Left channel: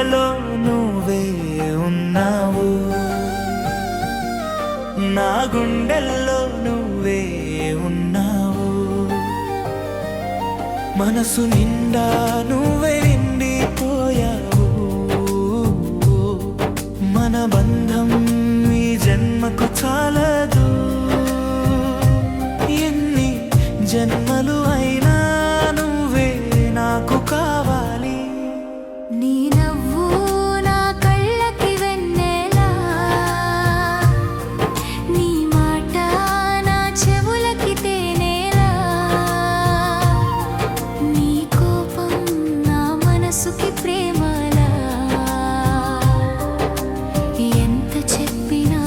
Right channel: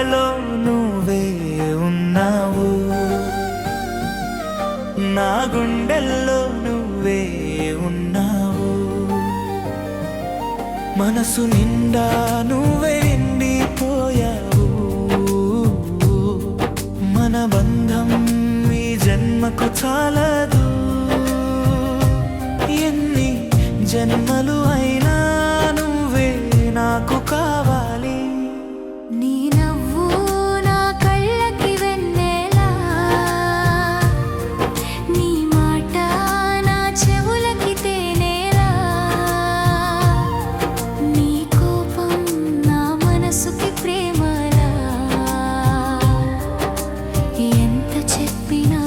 కలలో నువ్వే ఉన్నావు, నా గుండెల్లో నువ్వే ఉన్నావు. మనసు నిండా నువ్వే నిండిపోయావు. మన బంధం ఈ జన్మకు చాలదు, ఎన్ని జన్మలు అయినా నువ్వే నాకు కావాలి. నీ నవ్వు నా కళ్ళకి వెన్నెలా, నీ మాట నా చెవులకి తేనేలా, నీ కోపం నా మనసుకి ప్రేమలా. ఎంత చెప్పినా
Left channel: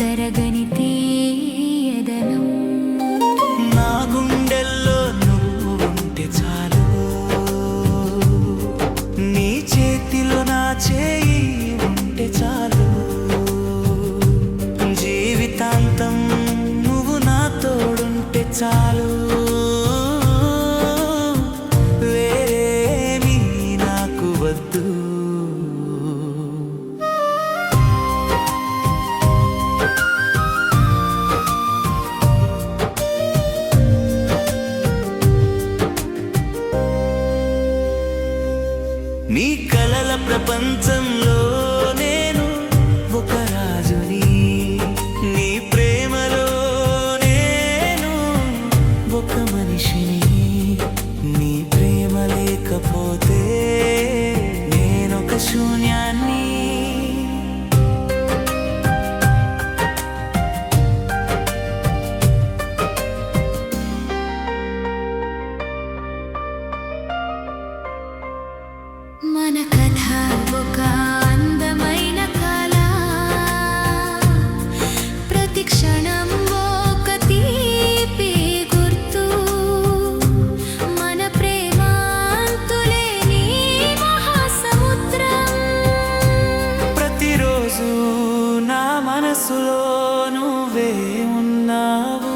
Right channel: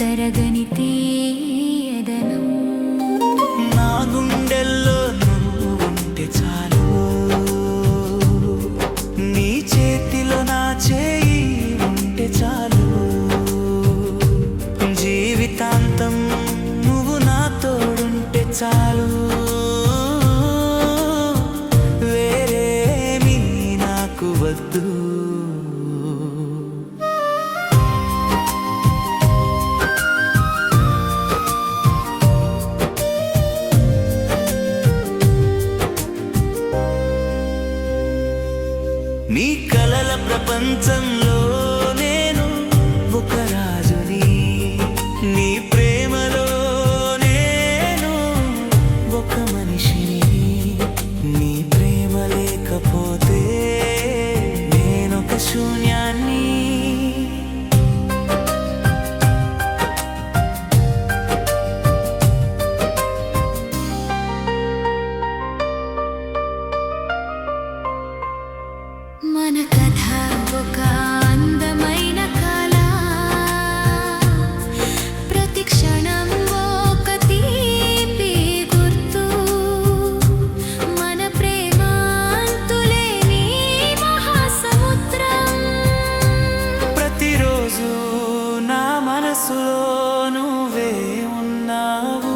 తరగని తీయదనం. నా గుండెల్లో నువ్వు ఉంటే చాలు, నీ చేతిలో నా చేయి ఉంటే చాలు. జీవితాంతం నువ్వు నా తోడుంటే చాలు, వేరేమీ నాకు వద్దు. నీ కలల ప్రపంచంలో నేను ఒక రాజుని, నీ ప్రేమలో నేను ఒక మనిషిని. నీ ప్రేమ లేకపోతే నేనొక శూన్యాన్ని. మన కథ ఒక అందమైన కళ, ప్రతి క్షణం ఒక తీపి గుర్తు. మన ప్రేమ అంతులేని మహాసముద్రం. ప్రతిరోజు నా మనసులో నువ్వే ఉన్నావు.